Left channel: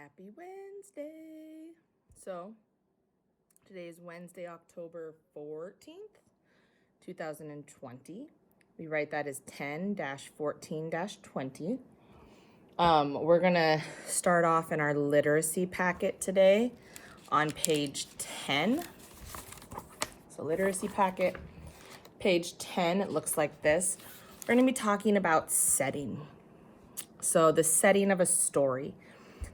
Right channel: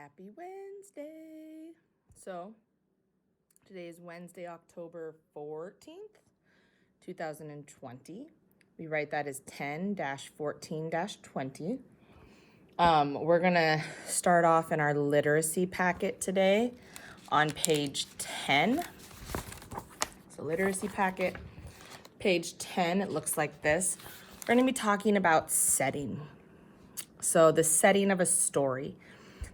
Happy Wednesday. So today is Wednesday, October 14th, 2020. We write that as 10-14-20. We're gonna start off in our literacy packet today on page 10. So literacy packet, page 10, it looks like this. We're gonna be talking about setting. So the setting of a story.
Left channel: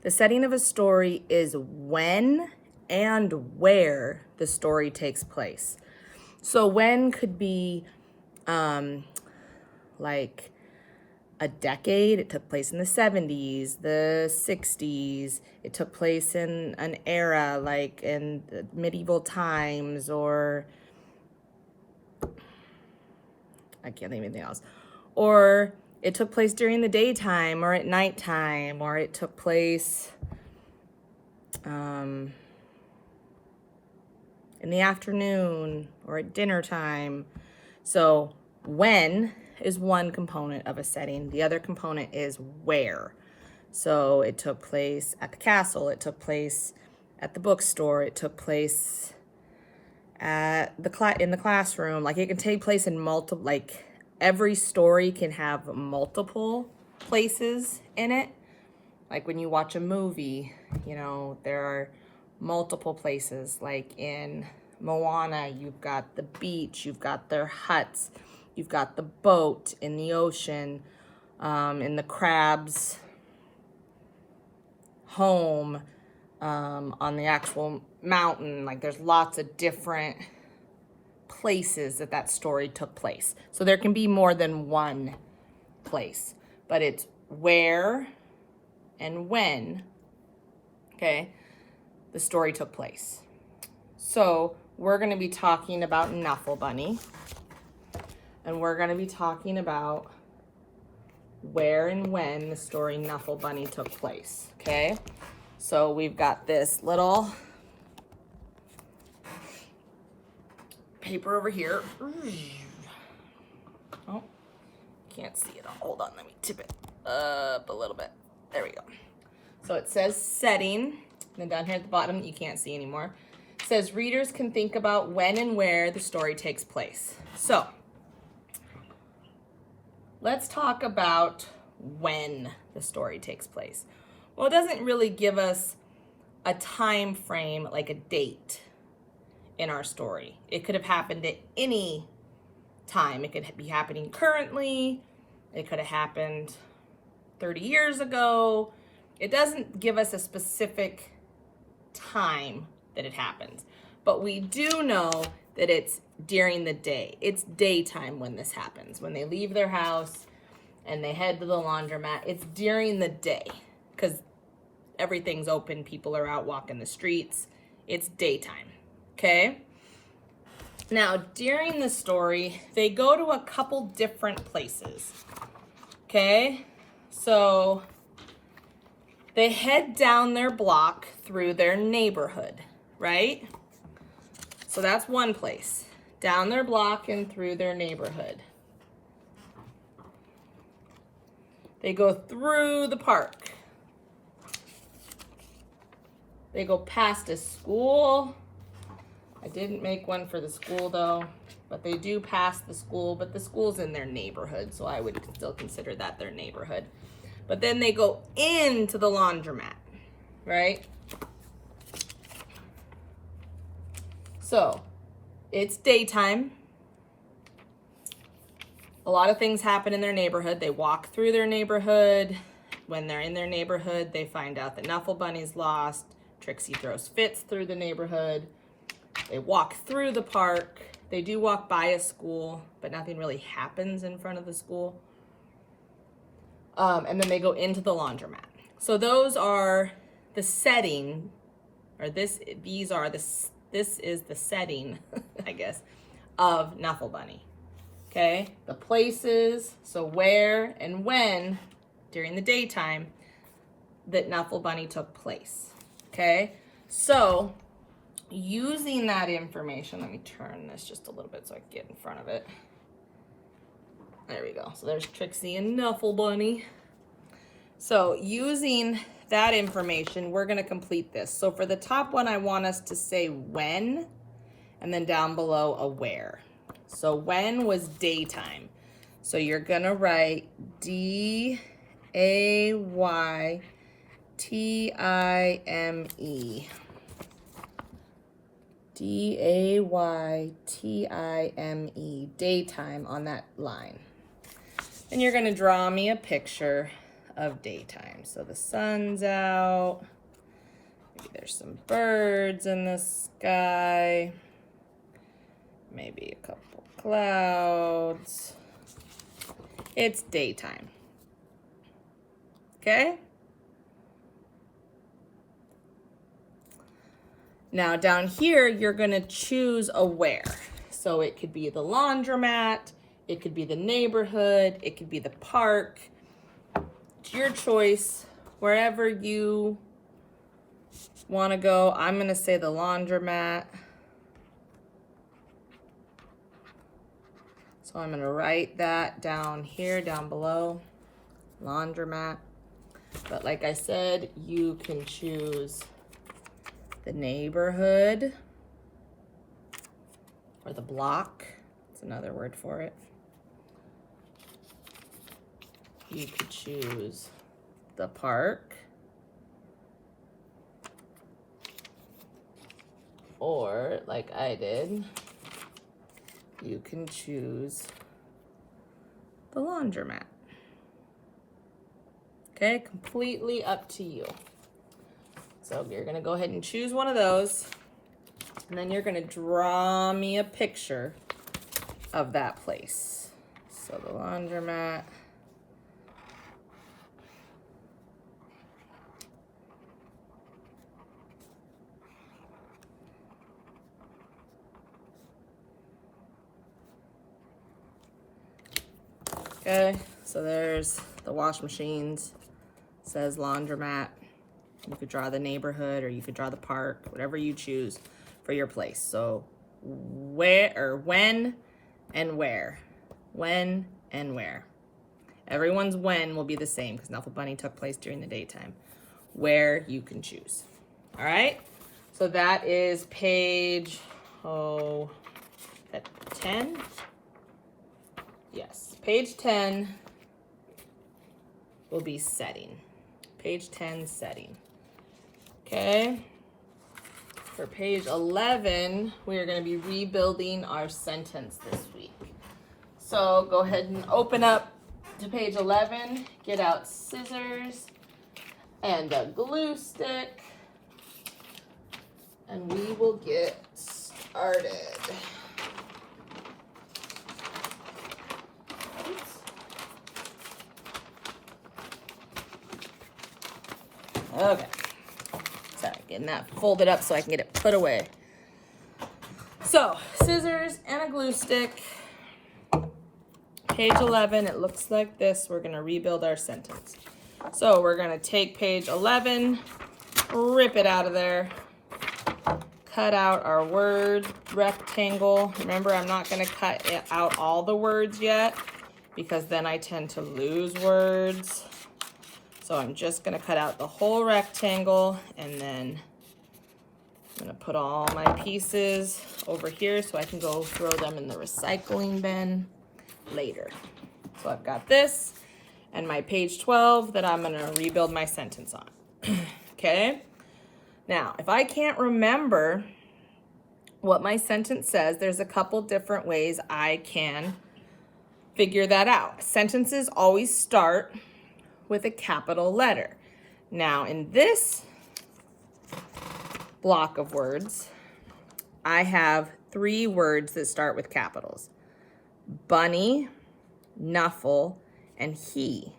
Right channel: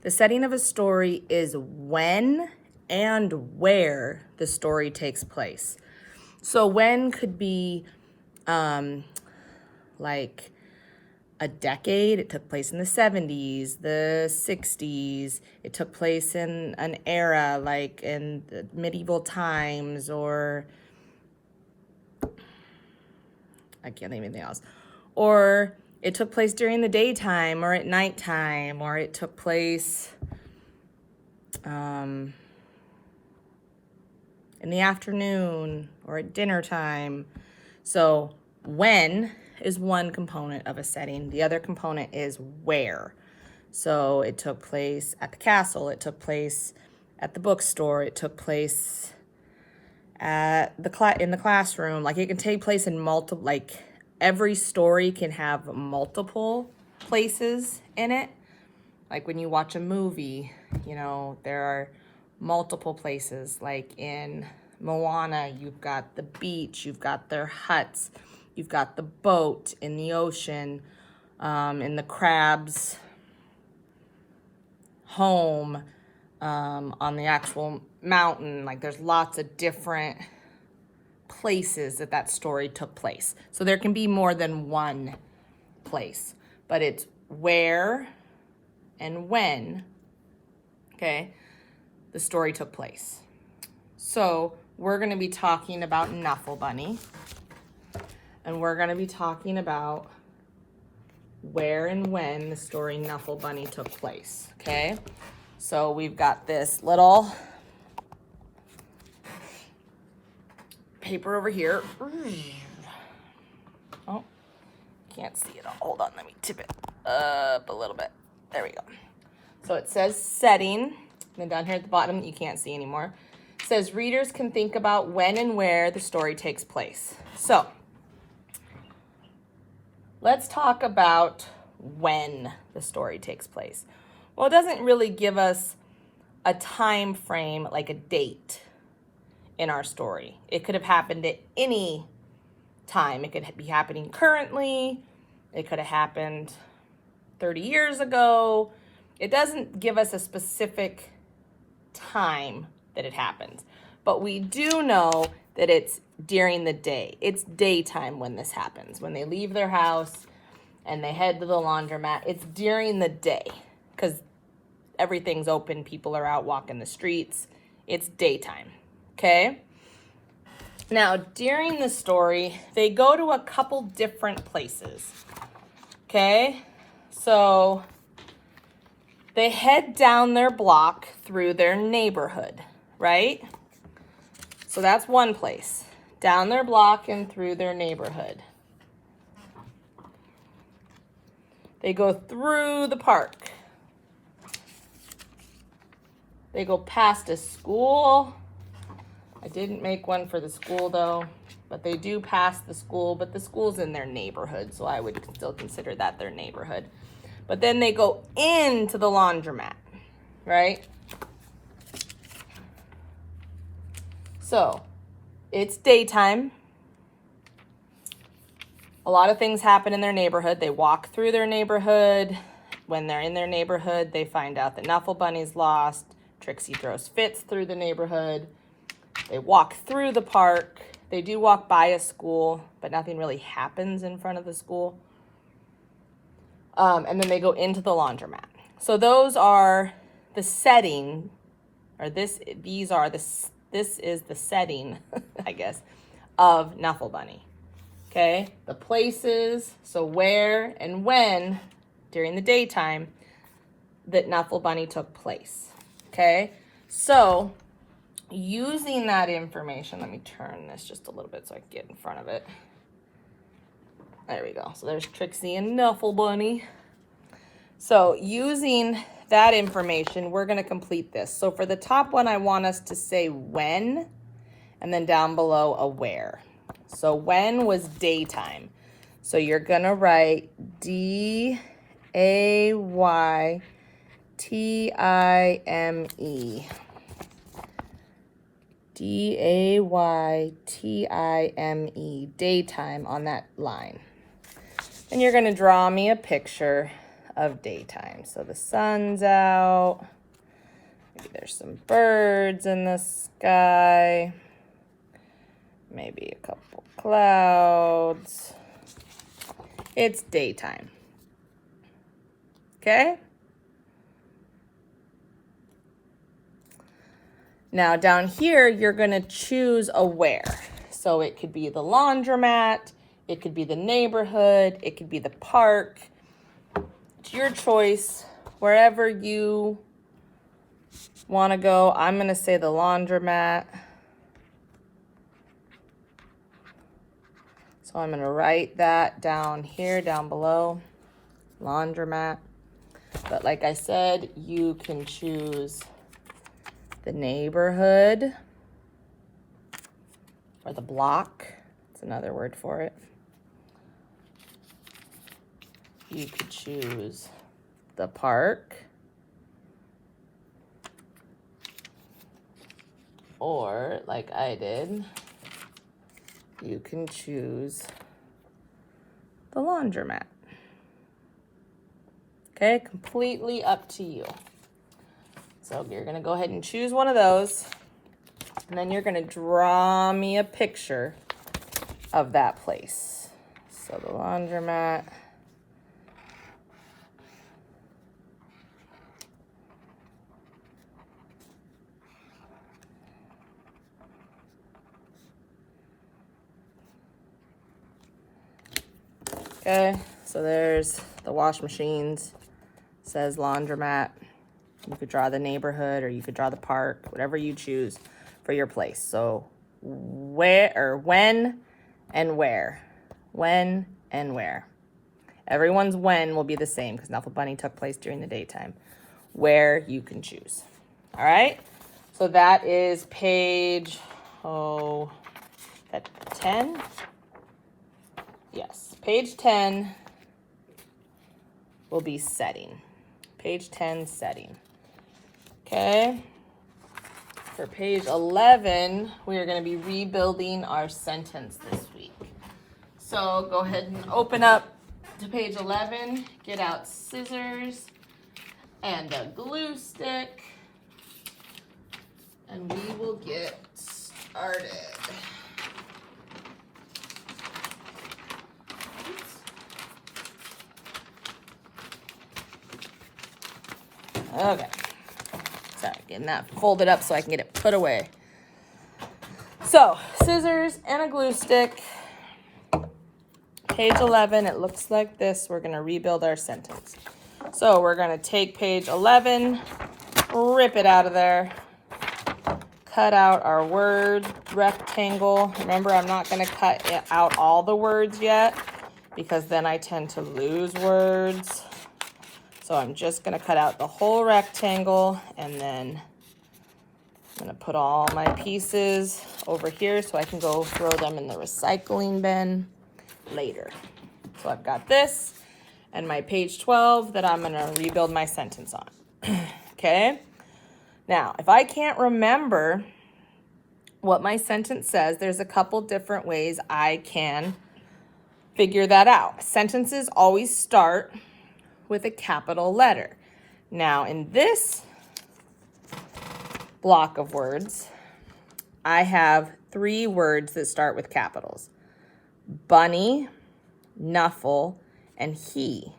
The setting of a story is when and where the story takes place. So when could be like a decade. It took place in the 70s, the 60s. It took place in an era like in the medieval times, or I can't think of anything else. Or it took place during the daytime or at nighttime, or it took place in the afternoon or at dinner time. So when is one component of a setting. The other component is where. So it took place at the castle. It took place at the bookstore. It took place at in the classroom. Like it can take place in multiple, like every story can have multiple places in it. Like when you watch a movie, you know, there are multiple places. Like in Moana, you've got the beach, you've got their huts, you've got the boat in the ocean, in the crab's home, on the actual mountain. Like there's lots of different places that story took place. So there can be more than one place, but it's where and when, okay, the story took place. So we're going to be talking about Nuffle Bunny, and we're going to be talking about where and when the story Nuffle Bunny took place, okay? So we've got this little paper over here. Oh, can't see it all. Hold on, let me tip it up a little bit. There we go. So it says setting. Then down here at the bottom, you can't see anymore. It says readers can think about when and where the story takes place. So let's talk about when the story takes place. Well, it doesn't really give us a time frame, like a date in our story. It could have happened at any time. It could be happening currently. It could have happened 30 years ago. It doesn't give us a specific time that it happens, but we do know that it's during the day. It's daytime when this happens. When they leave their house and they head to the laundromat, it's during the day because everything's open. People are out walking the streets. It's daytime, okay? Now, during the story, they go to a couple different places, okay? So they head down their block through their neighborhood, right? So that's one place. Down their block and through their neighborhood. They go through the park. They go past a school. I didn't make one for the school though, but they do pass the school, but the school's in their neighborhood, so I would still consider that their neighborhood. But then they go into the laundromat, right? So it's daytime. A lot of things happen in their neighborhood. They walk through their neighborhood. When they're in their neighborhood, they find out that Nuffle Bunny's lost. Trixie throws fits through the neighborhood. They walk through the park. They do walk by a school, but nothing really happens in front of the school. And then they go into the laundromat. So those are the setting, or this is the setting, I guess, of Nuffle Bunny. Okay, the places, so where and when during the daytime that Nuffle Bunny took place. Okay, so using that information, let me turn this just a little bit so I can get in front of it. There we go. So there's Trixie and Nuffle Bunny. So using that information, we're going to complete this. So for the top one, I want us to say when, and then down below a where. So when was daytime. So you're going to write D-A-Y-T-I-M-E. D-A-Y-T-I-M-E, daytime on that line. And you're going to draw me a picture of daytime. So the sun's out. Maybe there's some birds in the sky. Maybe a couple clouds. It's daytime. Okay? Now down here, you're going to choose a where. So it could be the laundromat. It could be the neighborhood. It could be the park. It's your choice. Wherever you want to go. I'm going to say the laundromat. So I'm going to write that down here, down below. Laundromat. But like I said, you can choose the neighborhood or the block. That's another word for it. You could choose the park, or like I did, you can choose the laundromat. Okay, completely up to you. So you're gonna go ahead and choose one of those, and then you're gonna draw me a picture of that place. So the laundromat. Okay, so there's the wash machines. It says laundromat. You could draw the neighborhood or you could draw the park, whatever you choose for your place. So where or when and where. When and where. Everyone's when will be the same because Knuffle Bunny took place during the daytime. Where you can choose. All right, so that is page, that 10? Yes, page 10 will be setting. Page 10, setting. Okay, for page 11, we are going to be rebuilding our sentence this week. So go ahead and open up to page 11, get out scissors and a glue stick, and we will get started. Okay, sorry, getting that folded up so I can get it put away. So, scissors and a glue stick. Page 11, it looks like this. We're gonna rebuild our sentence. So we're gonna take page 11, rip it out of there, cut out our word rectangle. Remember, I'm not gonna cut out all the words yet because then I tend to lose words. So I'm just gonna cut out the whole rectangle, and then I'm gonna put all my pieces over here so I can go throw them in the recycling bin later. So I've got this and my page 12 that I'm gonna rebuild my sentence on. Okay, now if I can't remember what my sentence says, there's a couple different ways I can figure that out. Sentences always start with a capital letter. Now in this block of words, I have 3 words that start with capitals: bunny, Knuffle, and he.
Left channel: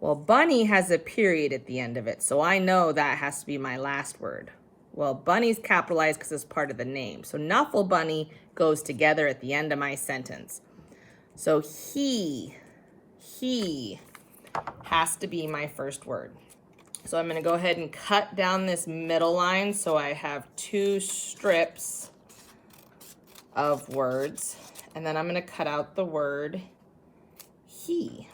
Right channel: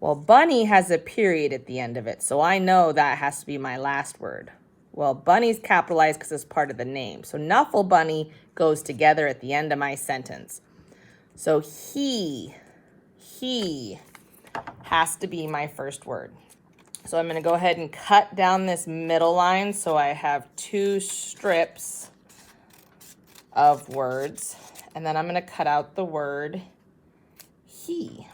Well, bunny has a period at the end of it, so I know that has to be my last word. Well, bunny's capitalized because it's part of the name. So Knuffle Bunny goes together at the end of my sentence. So he has to be my first word. So I'm going to go ahead and cut down this middle line so I have 2 strips of words. And then I'm going to cut out the word he.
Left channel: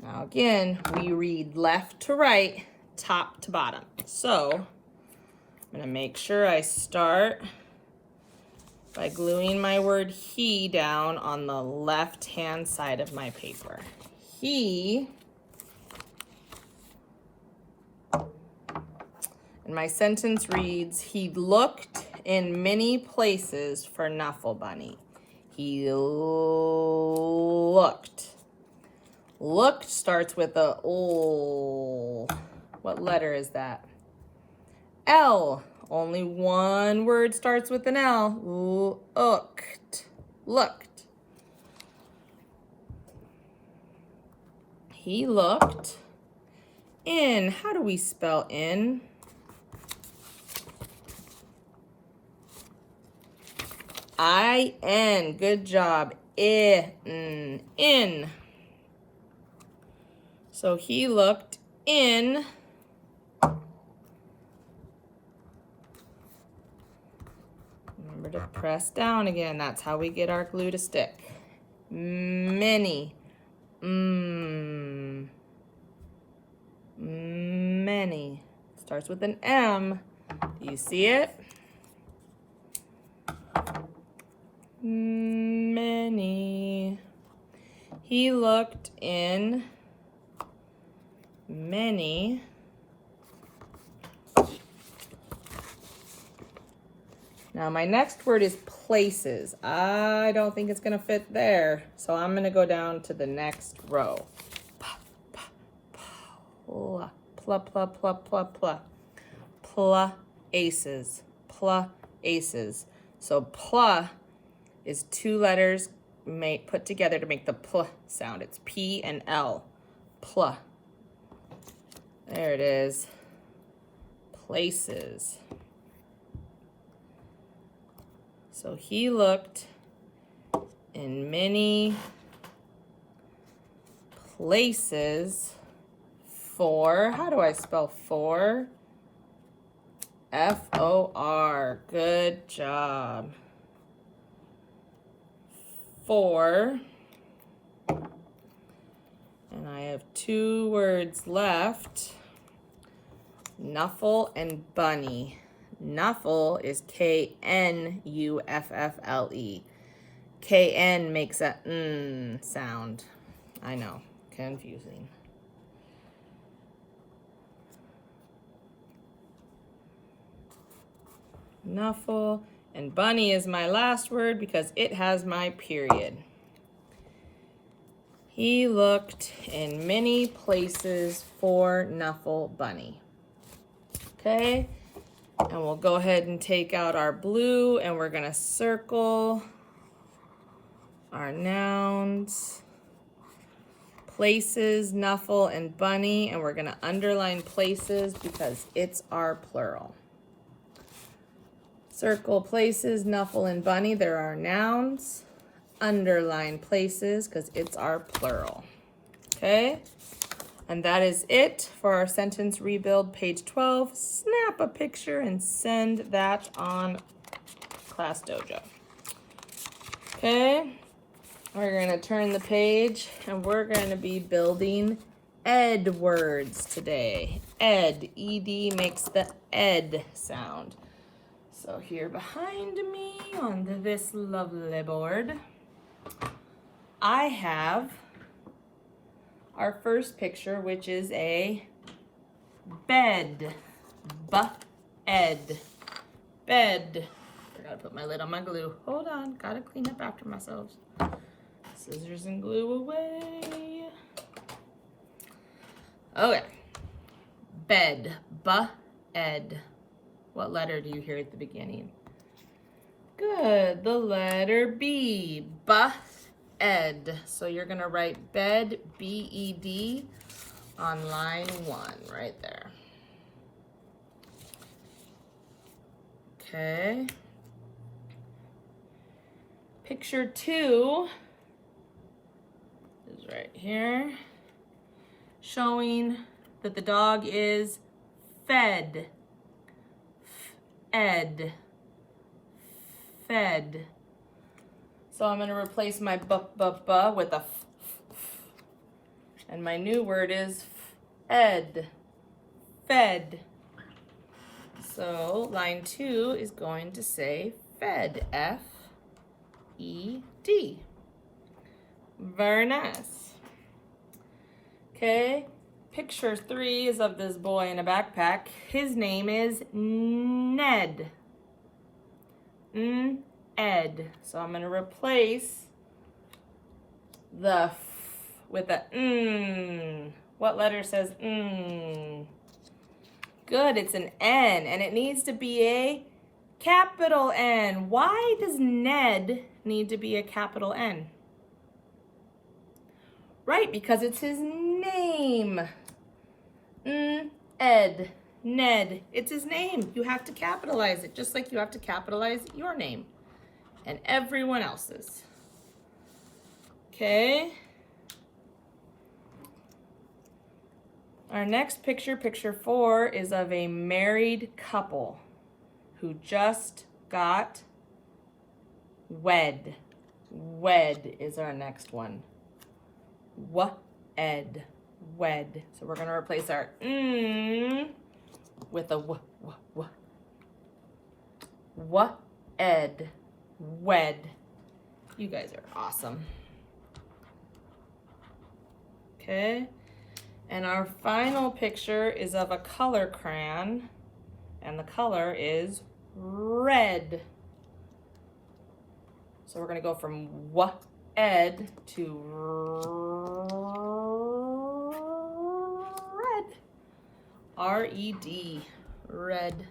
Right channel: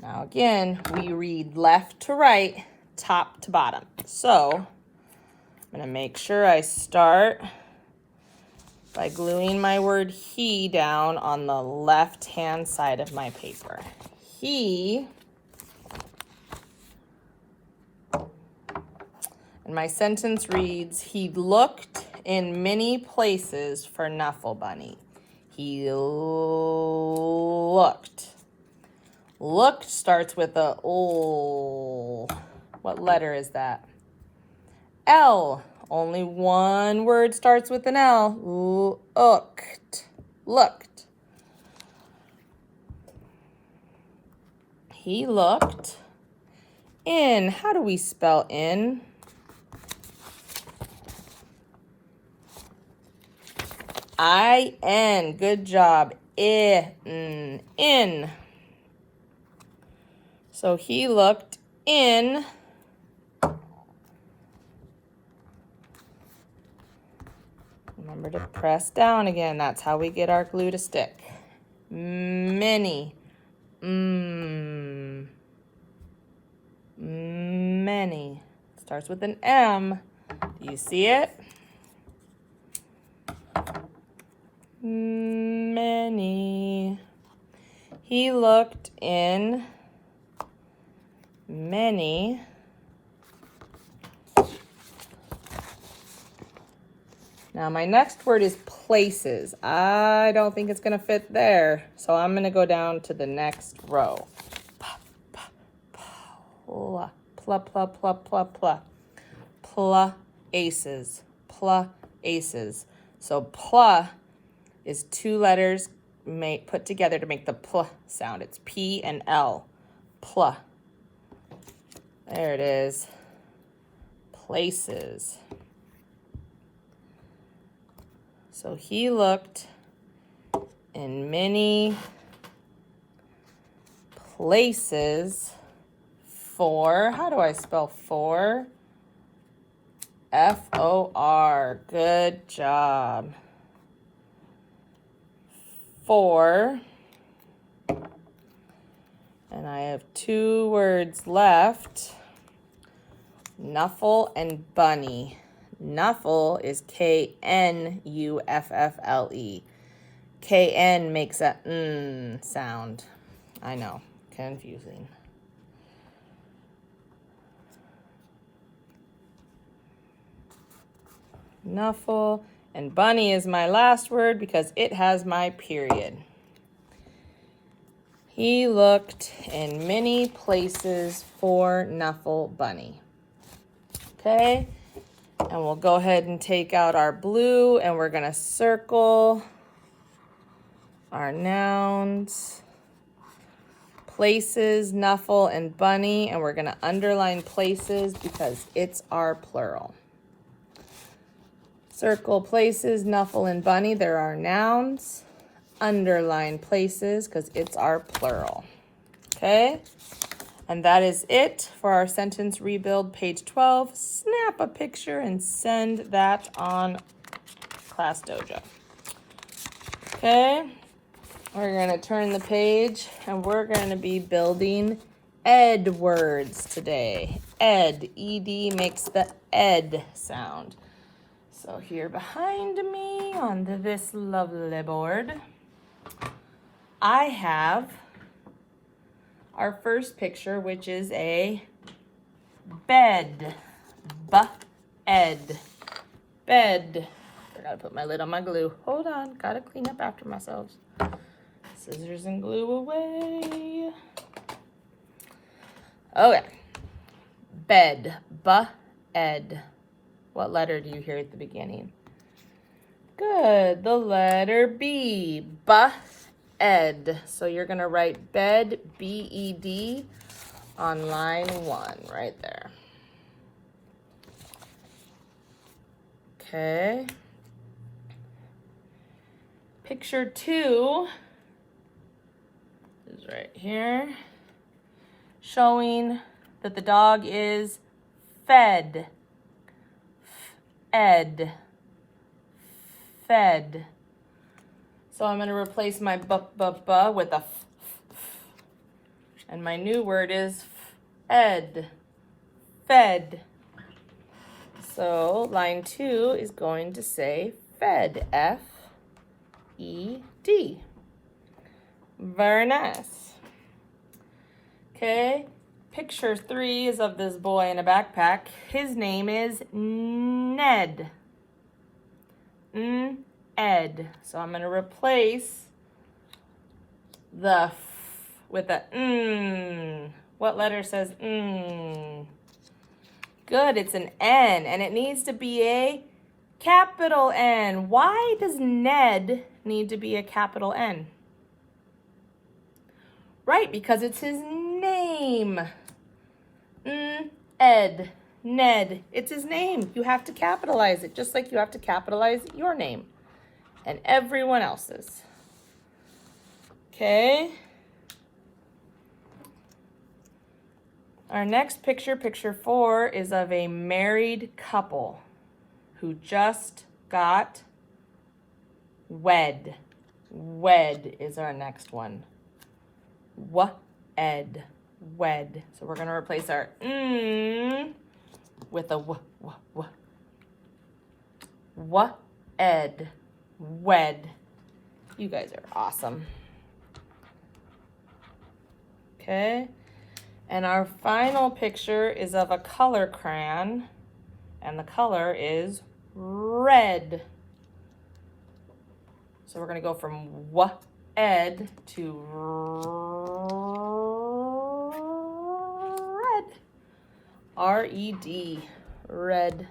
Now again, we read left to right, top to bottom. So I'm gonna make sure I start by gluing my word he down on the left-hand side of my paper. He, and my sentence reads, he looked in many places for Knuffle Bunny. He looked. Looked starts with a O. What letter is that? L. Only one word starts with an L. Looked. Looked. He looked in. How do we spell in? I-N. Good job. In. So he looked in. Remember to press down again. That's how we get our glue to stick. Many. Many. Starts with an M. Do you see it? Many. He looked in many Now my next word is places. I don't think it's gonna fit there, so I'm gonna go down to the next row. Pla, pla, pla, pla, pla, pla. Places. Places. So pla is two letters put together to make the pl sound. It's P and L. Pla. There it is. Places. So he looked in many places for, how do I spell for? F-O-R. Good job. For. And I have two words left. Knuffle and bunny. Knuffle is K-N-U-F-F-L-E. K-N makes a N sound. I know, confusing. Knuffle, and bunny is my last word because it has my period. He looked in many places for Knuffle Bunny. Okay, and we'll go ahead and take out our blue and we're gonna circle our nouns, places, Knuffle, and bunny, and we're gonna underline places because it's our plural. Circle places, Knuffle, and bunny, they're our nouns. Underline places because it's our plural. Okay? And that is it for our sentence rebuild, page 12. Snap a picture and send that on Class Dojo. Okay? We're going to turn the page and we're going to be building ed words today. Ed, E-D makes the ed sound. So here behind me on this lovely board, I have our first picture, which is a bed. B-ed. Bed. I gotta put my lid on my glue. Hold on, gotta clean up after myself. Scissors and glue away. Okay. Bed. B-ed. What letter do you hear at the beginning? Good, the letter B. B-ed. So you're going to write bed, B-E-D, on line 1, right there. Okay. Picture 2 is right here, showing that the dog is fed. Ed. Fed. So I'm going to replace my b with a f. And my new word is fed. Fed. So line 2 is going to say fed. F-E-D. Very nice. Okay. Picture 3 is of this boy in a backpack. His name is Ned. Ed. So I'm going to replace the f with a What letter says Good, it's an N, and it needs to be a capital N. Why does Ned need to be a capital N? Right, because it's his name. Ed. Ned. It's his name. You have to capitalize it, just like you have to capitalize your name and everyone else's. Okay. Our next picture, picture 4, is of a married couple who just got wed. Wed is our next one. W-ed. Wed. So we're going to replace our with a w. W-ed. Wed. You guys are awesome. Okay. And our final picture is of a color crayon, and the color is red. So we're going to go from w-ed to red. R-E-D. Red.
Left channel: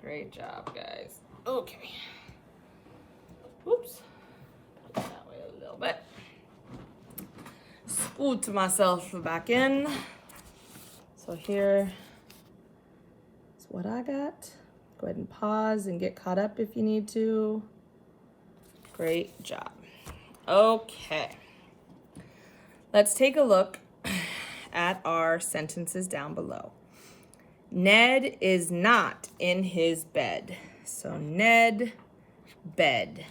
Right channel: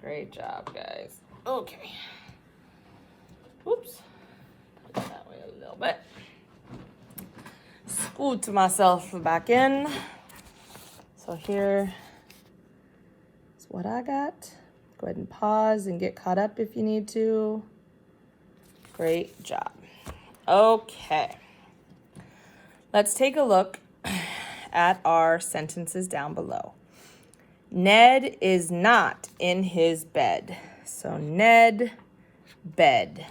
Great job, guys. Okay. Oops. Put it that way a little bit. Scoot myself back in. So here is what I got. Go ahead and pause and get caught up if you need to. Great job. Okay. Let's take a look at our sentences down below. Ned is not in his bed. So Ned, bed.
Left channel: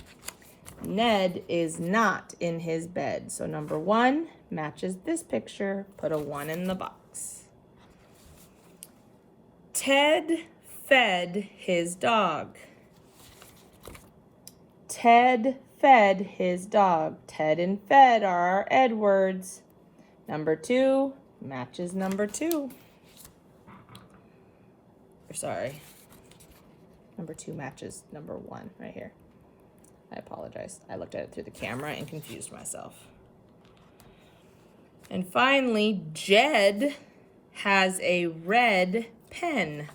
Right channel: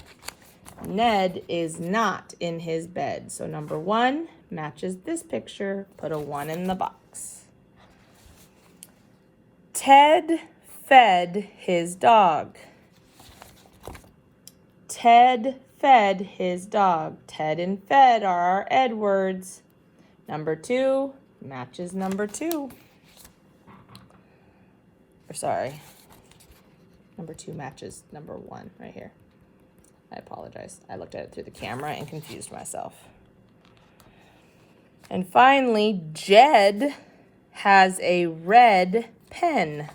Ned is not in his bed. So number 1 matches this picture. Put a 1 in the box. Ted fed his dog. Ted fed his dog. Ted and fed are our ed words. Number 2 matches number 2. Or sorry, number 2 matches number 1 right here. I apologize. I looked at it through the camera and confused myself. And finally, Jed has a red pen.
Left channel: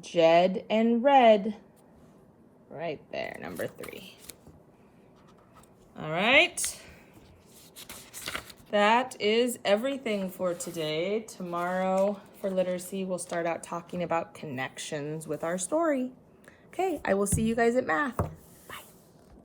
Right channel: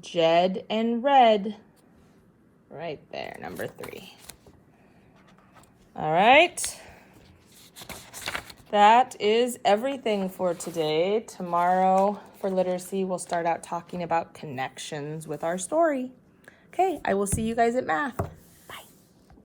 Jed and red. Right there, number 3. All right. That is everything for today. Tomorrow for literacy, we'll start out talking about connections with our story. Okay, I will see you guys at math.